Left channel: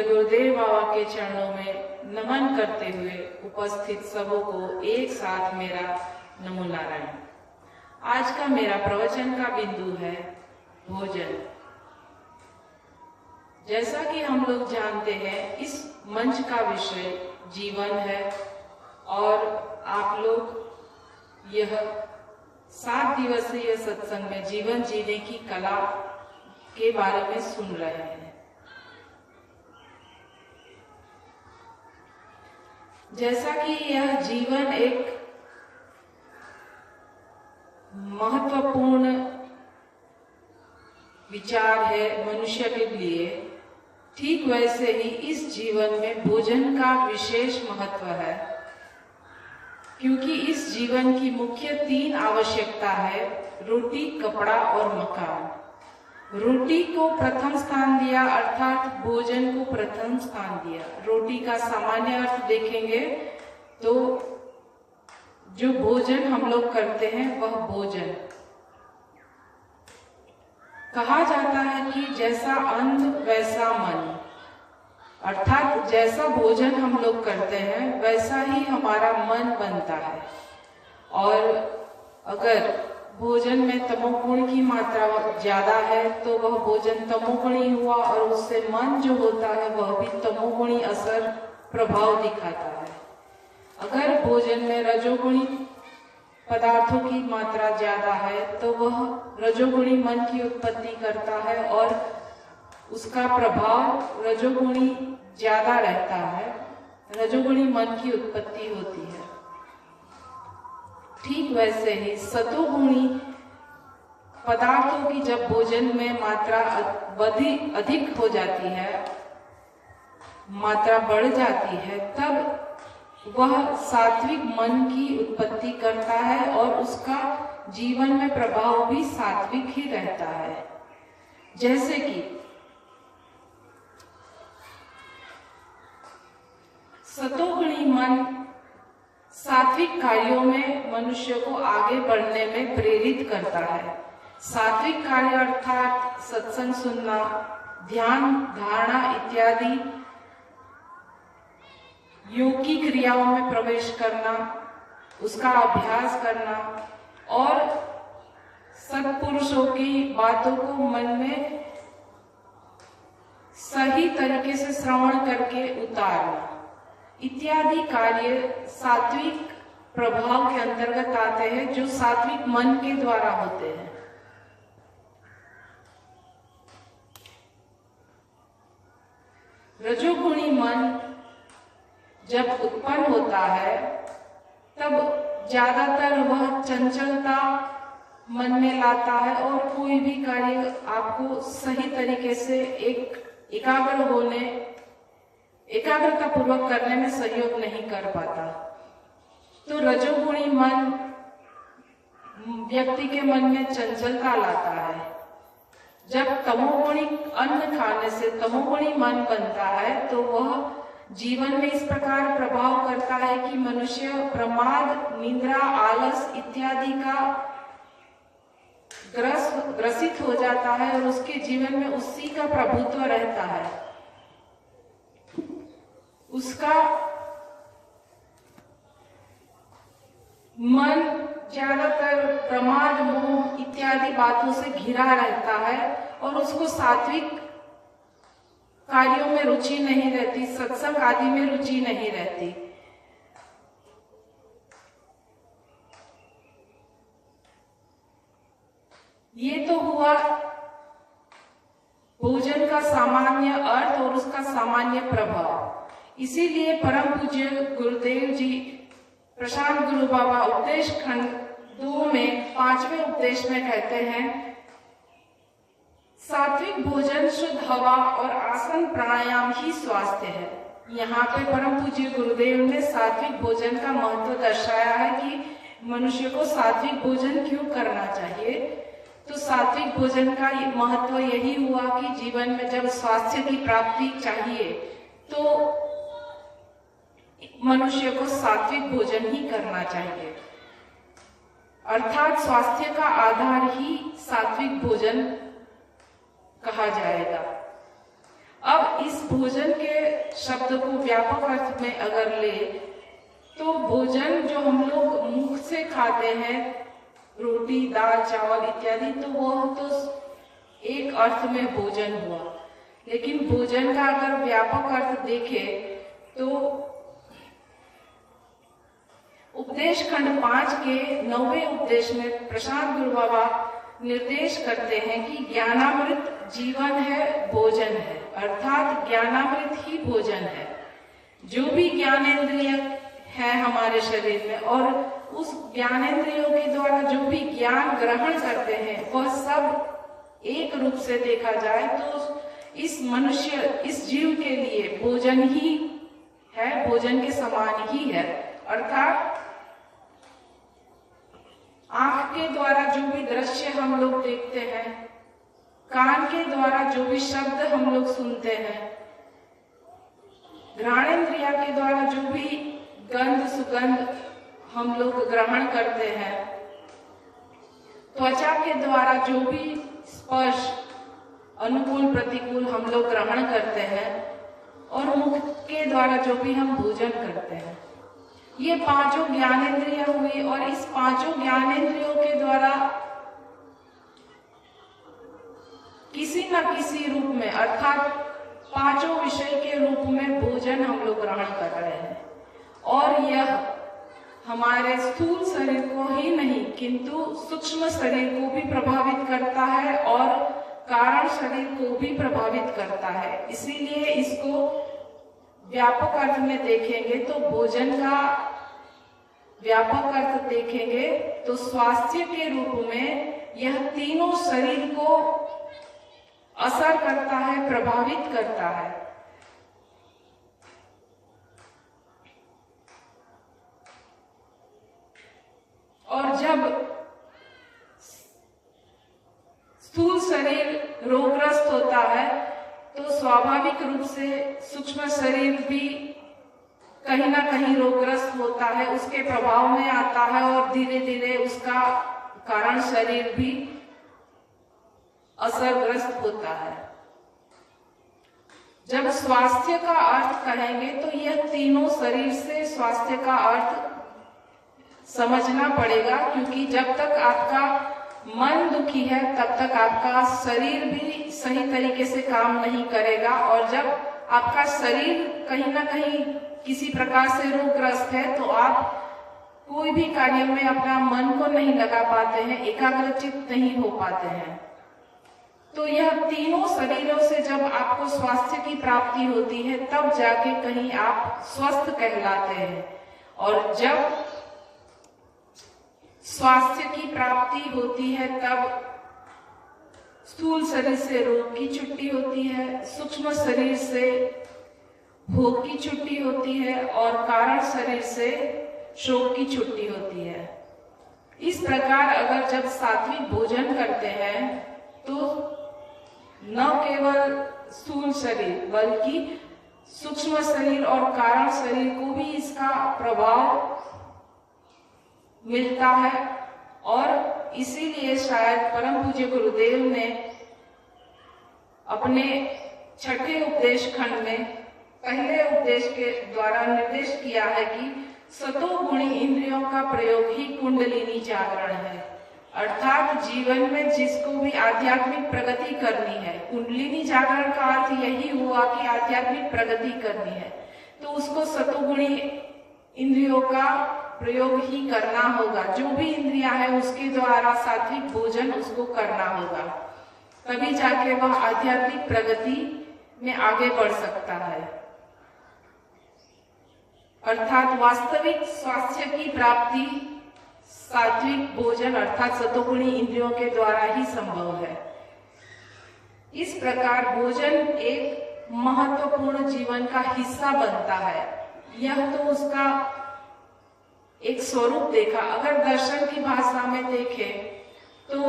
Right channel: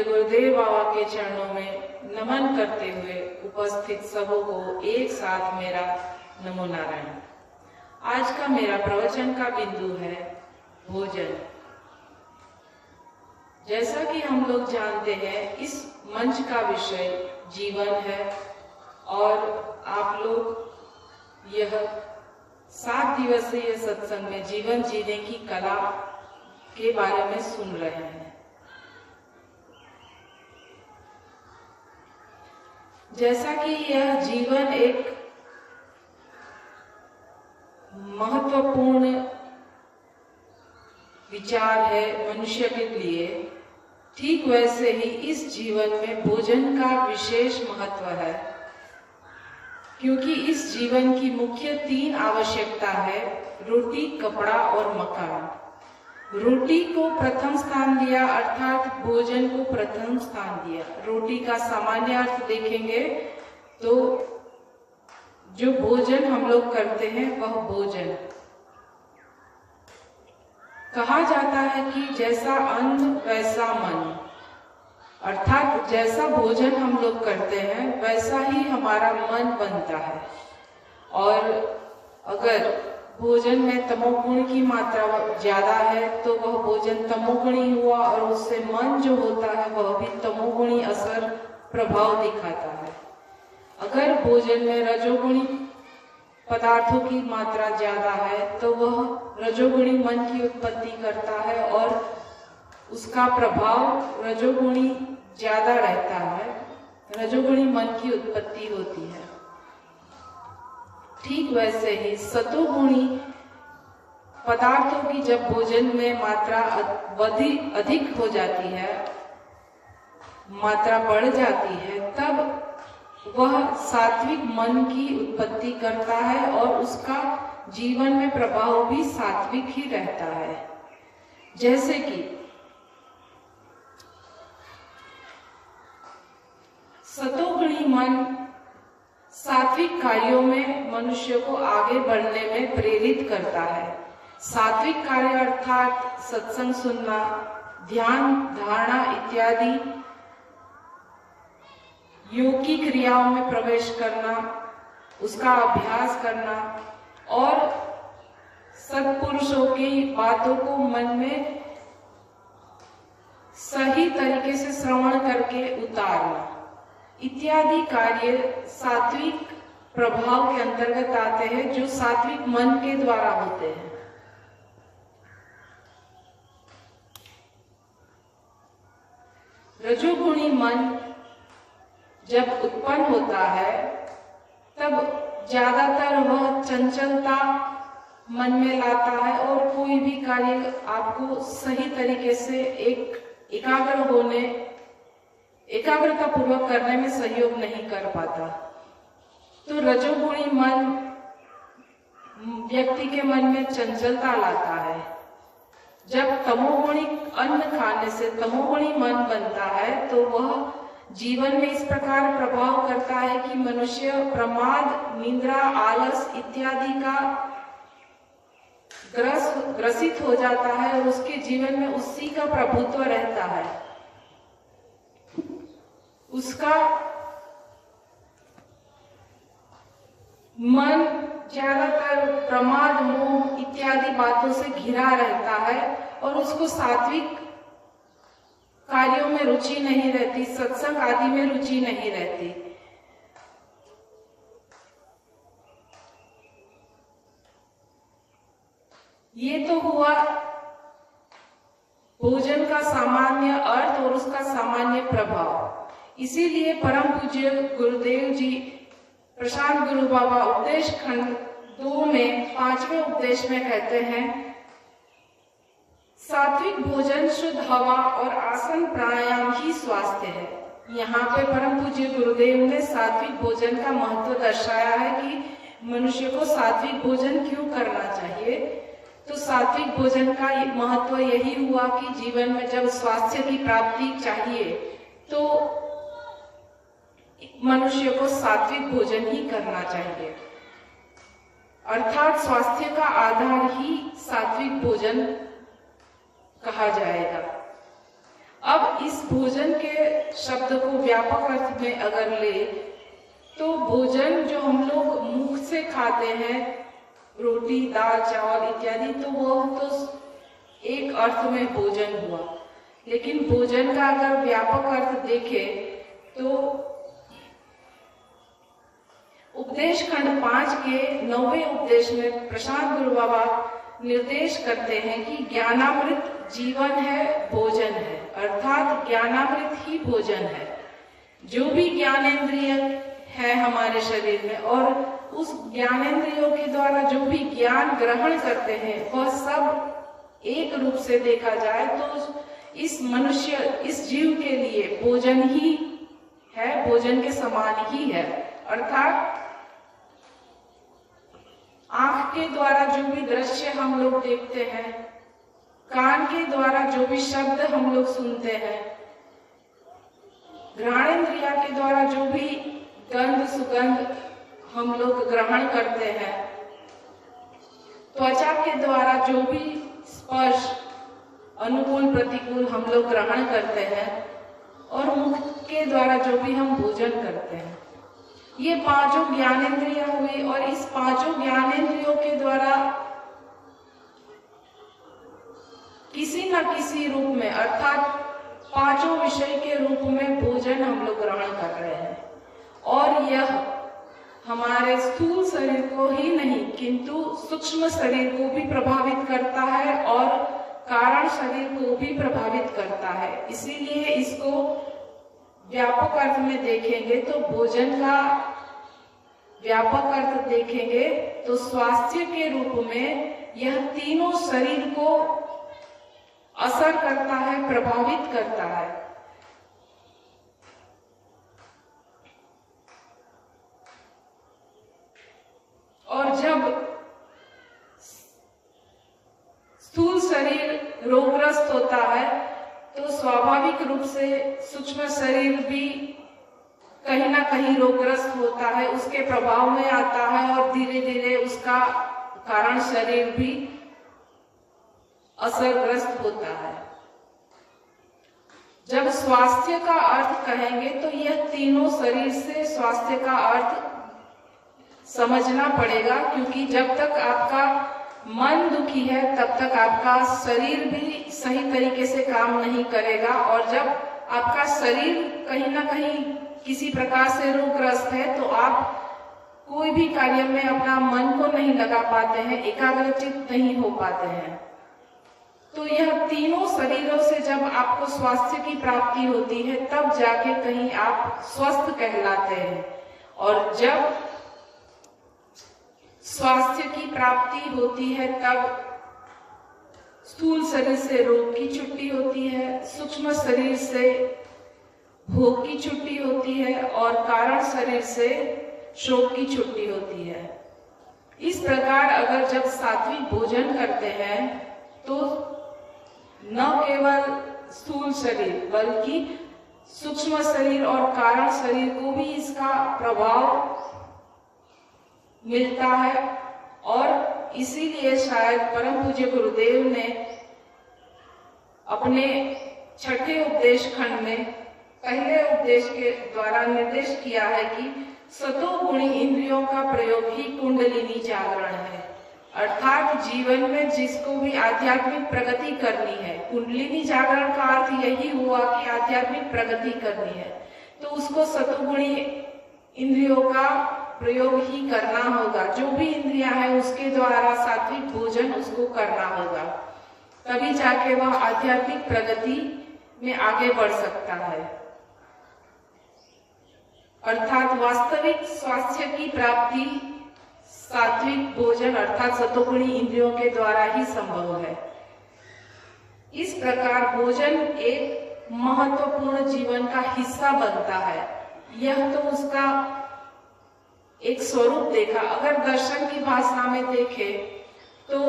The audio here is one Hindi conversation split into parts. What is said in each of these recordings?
पूज्य गुरुदेव बाबा के चरणों में नमन करते हुए उपस्थित सबों को एक साथ मेरा नमो नारायण। आज का मेरा प्रवचन का बिंदु है भोजन। जैसा कि हम लोग जानते हैं, इस मंच का विषय जीवन है और आप लोग यह 7 दिवसीय सत्संग में जीवन जीने की कला के बारे में सुन रहे हैं। जैसा कि यह जीवन एक महत्वपूर्ण विचार है मनुष्य के लिए, ठीक वैसे ही इस जीवन में भोजन का विशेष महत्व है, क्योंकि इस जीवन की मुख्य 3 आवश्यकता है: रोटी, कपड़ा और मकान। रोटी को प्रथम स्थान दिया, अर्थात भोजन को प्रथम स्थान दिया। रोटी का सामान्य अर्थ देखेंगे तो जो भोजन हम लोग करते हैं वह भोजन। कहा जाता है कि जैसा अन्न वैसा मन, अर्थात जैसा भोजन हम लोग करते हैं वैसा ही हमारा मन बनता है। और अगर भोजन में तमोगुण की मात्रा ज्यादा है तो वह भोजन तमोगुणी हुआ, और उससे मन जो होता है वह भी तमोगुणी असर प्रभाव दिखाता है। अगर भोजन में रजोगुणी पदार्थों की मात्रा ज्यादा है तो वह रजोगुणी मन की उत्पत्ति करता है और उसका प्रभाव रजोगुणी ज्यादा रहता है, रजोगुणी मन की उत्पत्ति होती है। ठीक वैसे ही सतोगुणी पदार्थों की जब भोजन में मात्रा अधिक हो जाती है, मात्रा बढ़ जाती है, तब वह सात्विक मन की उत्पत्ति करता है और उसका जीवन में प्रभाव भी सात्विक ही रहता है। जैसे कि सतोगुणी मन सात्विक कार्यों में मनुष्य को आगे बढ़ने में प्रेरित करता है। सात्विक कार्य अर्थात सत्संग सुनना, ध्यान, धारणा इत्यादि योग की क्रियाओं में प्रवेश करना, उसका अभ्यास करना और सत्पुरुषों की बातों को मन में सही तरीके से श्रवण करके उतारना इत्यादि कार्य सात्विक प्रभाव के अंतर्गत आते हैं, जो सात्विक मन के द्वारा होते हैं। रजोगुणी मन जब उत्पन्न होता है तब ज्यादातर वह चंचलता मन में लाता है और कोई भी कार्य आपको सही तरीके से एकाग्रता पूर्वक करने में सहयोग नहीं कर पाता। तो रजोगुणी मन व्यक्ति के मन में चंचलता लाता है। जब तमोगुणी अन्न खाने से तमोगुणी मन बनता है तो वह जीवन में इस प्रकार प्रभाव करता है कि मनुष्य प्रमाद, निद्रा, आलस इत्यादि का ग्रसित हो जाता है और उसके जीवन में उसी का प्रभुत्व रहता है। उसका मन ज्यादातर प्रमाद, मोह इत्यादि बातों से घिरा रहता है और उसको सात्विक कार्यों में रुचि नहीं रहती, सत्संग आदि में रुचि नहीं रहती। ये तो हुआ भोजन का सामान्य अर्थ और उसका सामान्य प्रभाव। इसीलिए परम पूज्य गुरुदेव जी प्रशांत गुरु बाबा उपदेश खंड 2 में 5वें उपदेश में कहते हैं, सात्विक भोजन, शुद्ध हवा और आसन प्राणायाम ही स्वास्थ्य है। यहाँ पे परम पूज्य गुरुदेव ने सात्विक भोजन का महत्व दर्शाया है कि मनुष्य को सात्विक भोजन क्यों करना चाहिए। तो सात्विक भोजन का महत्व यही हुआ कि जीवन में जब स्वास्थ्य की प्राप्ति चाहिए तो मनुष्य को सात्विक भोजन ही करना चाहिए। अर्थात स्वास्थ्य का आधार ही सात्विक भोजन कहा जाएगा। अब इस भोजन के शब्द को व्यापक अर्थ में अगर ले तो भोजन जो हम लोग मुख से खाते हैं, रोटी, दाल, चावल इत्यादि, तो वह तो एक अर्थ में भोजन हुआ। लेकिन भोजन का अगर व्यापक अर्थ देखें तो उपदेश खंड 5 के 9वें उपदेश में प्रशांत गुरु बाबा निर्देश करते हैं कि ज्ञानामृत जीवन है, भोजन है, अर्थात ज्ञानामृत ही भोजन है। जो भी ज्ञानेंद्रिय है हमारे शरीर में और उस ज्ञानेंद्रियों के द्वारा जो भी ज्ञान ग्रहण करते हैं वह सब एक रूप से देखा जाए तो इस मनुष्य, इस जीव के लिए भोजन ही है, भोजन के समान ही है। अर्थात आंख के द्वारा जो भी दृश्य हम लोग देखते हैं, कान के द्वारा जो भी शब्द हम लोग सुनते हैं, घ्राणेन्द्रिय के द्वारा जो भी गंध, सुगंध हम लोग ग्रहण करते हैं, त्वचा के द्वारा जो भी स्पर्श अनुकूल प्रतिकूल हम लोग ग्रहण करते हैं और मुख के द्वारा जो भी हम भोजन करते हैं, ये पांचों ज्ञानेंद्रिय हुई। और इस पांचों ज्ञानेंद्रियों के द्वारा किसी न किसी रूप में अर्थात पांचों विषय के रूप में भोजन हम लोग ग्रहण कर रहे हैं। और यह हमारे स्थूल शरीर को ही नहीं किंतु सूक्ष्म शरीर को भी प्रभावित करता है और कारण शरीर को भी प्रभावित करता है। इसीलिए इसको व्यापक अर्थ में देखेंगे तो भोजन का व्यापक अर्थ देखेंगे तो स्वास्थ्य के रूप में यह तीनों शरीर को असर करता है, प्रभावित करता है। और जब स्थूल शरीर रोगग्रस्त होता है तो स्वाभाविक रूप से सूक्ष्म शरीर भी कहीं ना कहीं रोगग्रस्त होता है, उसके प्रभाव में आता है और धीरे धीरे उसका कारण शरीर भी असरग्रस्त होता है। जब स्वास्थ्य का अर्थ कहेंगे तो यह तीनों शरीर से स्वास्थ्य का अर्थ समझना पड़ेगा, क्योंकि जब तक आपका मन दुखी है तब तक आपका शरीर भी सही तरीके से काम नहीं करेगा। और जब आपका शरीर कहीं ना कहीं किसी प्रकार से रोगग्रस्त है तो आप कोई भी कार्य में अपना मन को नहीं लगा पाते हैं, एकाग्रचित नहीं हो पाते हैं। तो यह तीनों शरीरों से जब आपको स्वास्थ्य की प्राप्ति होती है तब जाके कहीं आप स्वस्थ कहलाते हैं। और जब स्वास्थ्य की प्राप्ति होती है तब स्थूल शरीर से रोग की छुट्टी होती है, सूक्ष्म शरीर से भोग की छुट्टी होती है और कारण शरीर से शोक की छुट्टी होती है। इस प्रकार अगर जब सात्विक भोजन करते हैं तो न केवल स्थूल शरीर बल्कि सूक्ष्म शरीर और कारण शरीर को भी इसका प्रभाव मिलता है। और इसीलिए शायद परम पूज्य गुरुदेव ने अपने छठे उपदेश खंड में पहले उपदेश के द्वारा निर्देश किया है कि सतोगुणी इंद्रियों का प्रयोग ही कुंडलिनी जागरण है। अर्थात जीवन में जिसको भी आध्यात्मिक प्रगति करनी है, कुंडलिनी जागरण का अर्थ यही हुआ कि आध्यात्मिक प्रगति करनी है, तो उसको सतोगुणी इंद्रियों का प्रयोग ही करना होगा। जो भी इंद्रियां है उसके द्वारा सात्विक भोजन उसको करना होगा, तभी जाके वह आध्यात्मिक प्रगति में आगे बढ़ सकता है। अर्थात वास्तविक स्वास्थ्य की प्राप्ति सात्विक भोजन अर्थात सतोगुणी इंद्रियों के द्वारा ही संभव है। इस प्रकार भोजन एक महत्वपूर्ण जीवन का हिस्सा बनता है। यह तो उसका एक स्वरूप देखा। अगर दर्शन की भाषा में देखें तो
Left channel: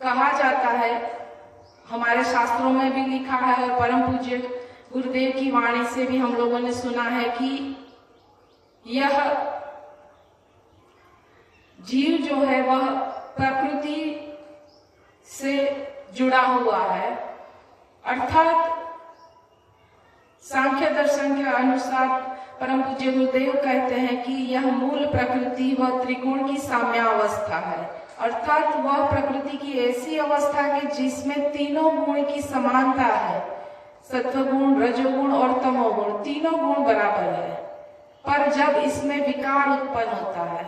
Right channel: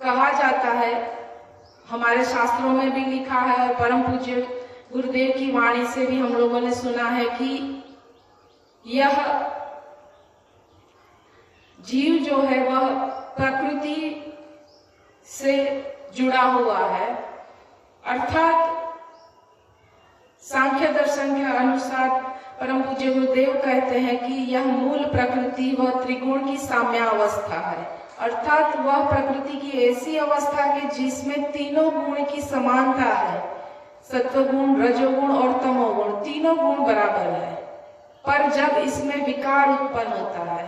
कहा जाता है, हमारे शास्त्रों में भी लिखा है और परम पूज्य गुरुदेव की वाणी से भी हम लोगों ने सुना है कि यह जीव जो है वह प्रकृति से जुड़ा हुआ है। अर्थात सांख्य दर्शन के अनुसार परम पूज्य गुरुदेव कहते हैं कि यह मूल प्रकृति व त्रिगुण की साम्यावस्था है। अर्थात वह प्रकृति की ऐसी अवस्था है जिसमें तीनों गुण की समानता है। सत्वगुण, रजोगुण और तमोगुण तीनों गुण बराबर है। पर जब इसमें विकार उत्पन्न होता है,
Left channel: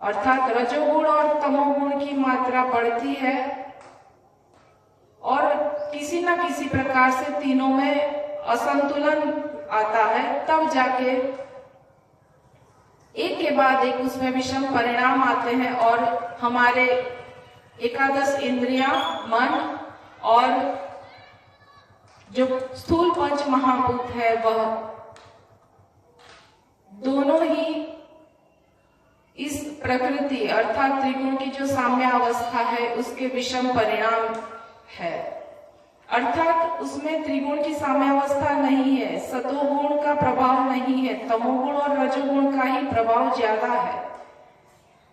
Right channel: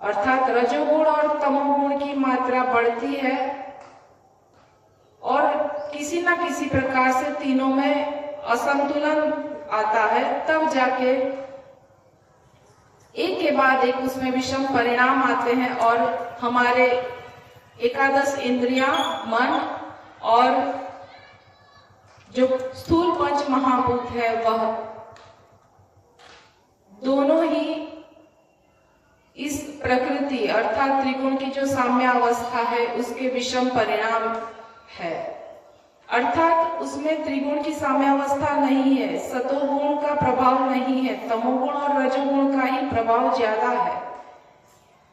अर्थात रजोगुण और तमोगुण की मात्रा बढ़ती है और किसी न किसी प्रकार से तीनों में असंतुलन आता है, तब जाके एक के बाद एक उसमें विषम परिणाम आते हैं और हमारे एकादश इंद्रियां, मन और जो स्थूल पंच महाभूत है वह दोनों ही इस प्रकृति अर्थात त्रिगुण की जो साम्यावस्था है उसके विषम परिणाम है। अर्थात उसमें त्रिगुण की साम्यावस्था नहीं है, सतोगुण का प्रभाव नहीं है, तमोगुण और रजोगुण का ही प्रभाव ज्यादा है।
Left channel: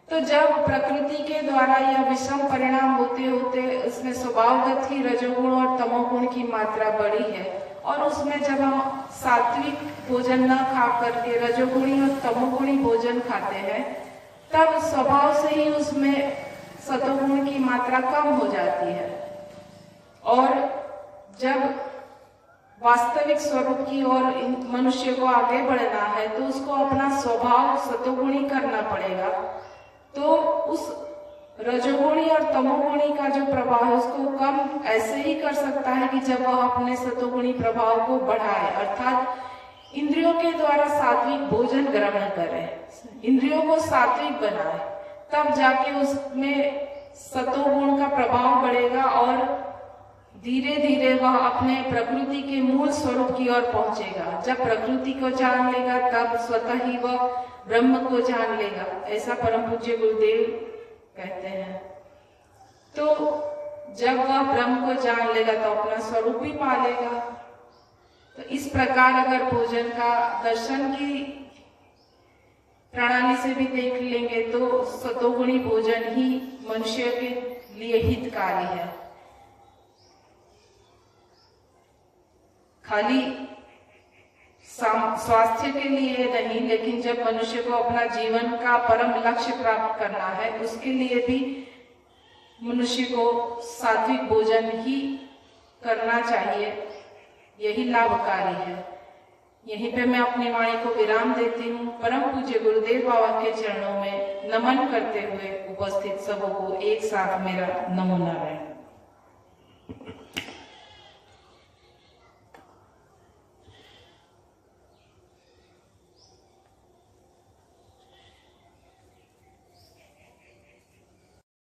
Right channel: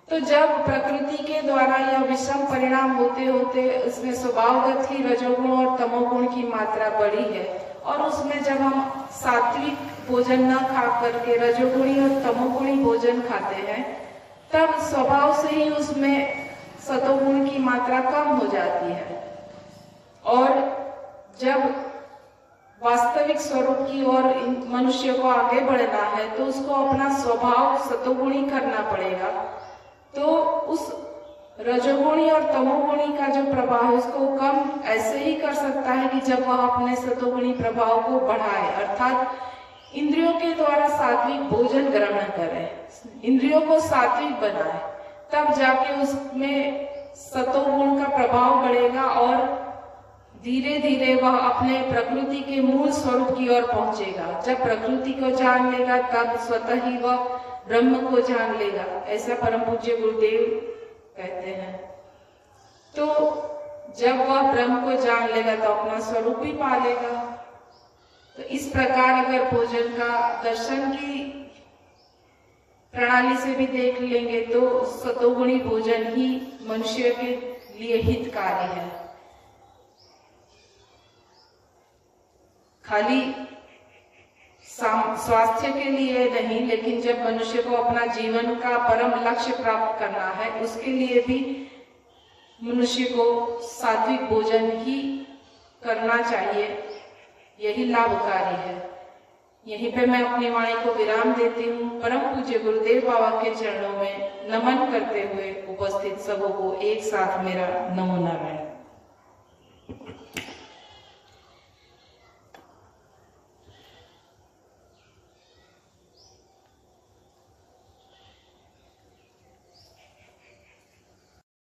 तो जब प्रकृति के द्वारा यह विषम परिणाम होते होते उसमें स्वभावगत ही रजोगुण और तमोगुण की मात्रा बढ़ी है और उसमें जब हम सात्विक भोजन न खा करके रजोगुणी और तमोगुणी भोजन खाते हैं, तब स्वभाव से ही उसमें सतोगुण की मात्रा कम हो जाती है। और जब वास्तविक स्वरूप की ओर मनुष्य को आगे बढ़ना है तो उसको अपना स्वभाव सतोगुणी करना पड़ेगा। तो उस रजोगुणी और तमोगुणी का जो प्रभाव है उसको कम ऐसे ही कर सकता है कि जब वह अपने सतोगुणी प्रभाव को बढ़ाए, अर्थात इंद्रियों के द्वारा सात्विक भोजन ग्रहण करे, इंद्रियों को सात्विक बनाए, तब जाके उसमें सतोगुण का प्रभाव बढ़ेगा और धीरे धीरे वह अपने प्रकृति के मूल स्वरूप की ओर पहुंचेगा। जब प्रकृति को जान लेगा तब स्वतः ही वह ब्रह्म को जान लेगा, ऐसा परम पूज्य गुरुदेव कहते हैं। तो जब वह ब्रह्म को जान लेगा तो अपना स्वरूप भी पा लेगा। तो इस प्रकार अगर भोजन का दर्शन की प्रणाली से भी देख लेंगे तो सतोगुणी भोजन ही मनुष्य के लिए हितकारी है। खाली स्वास्थ्य के लिए नहीं, लेकिन जब मनुष्य को अपना जीवन का परम लक्ष्य प्राप्त करना है उसके लिए भी मनुष्य को सात्विक भोजन ही करना चाहिए, यही लाभकारी है। यहीं पे मैं अपनी वाणी को विराम देती हूँ। परम पूज्य गुरुदेव बाबा के चरणों में नमन करते हुए उपस्थित सबों को एक साथ मेरा नमो नारायण।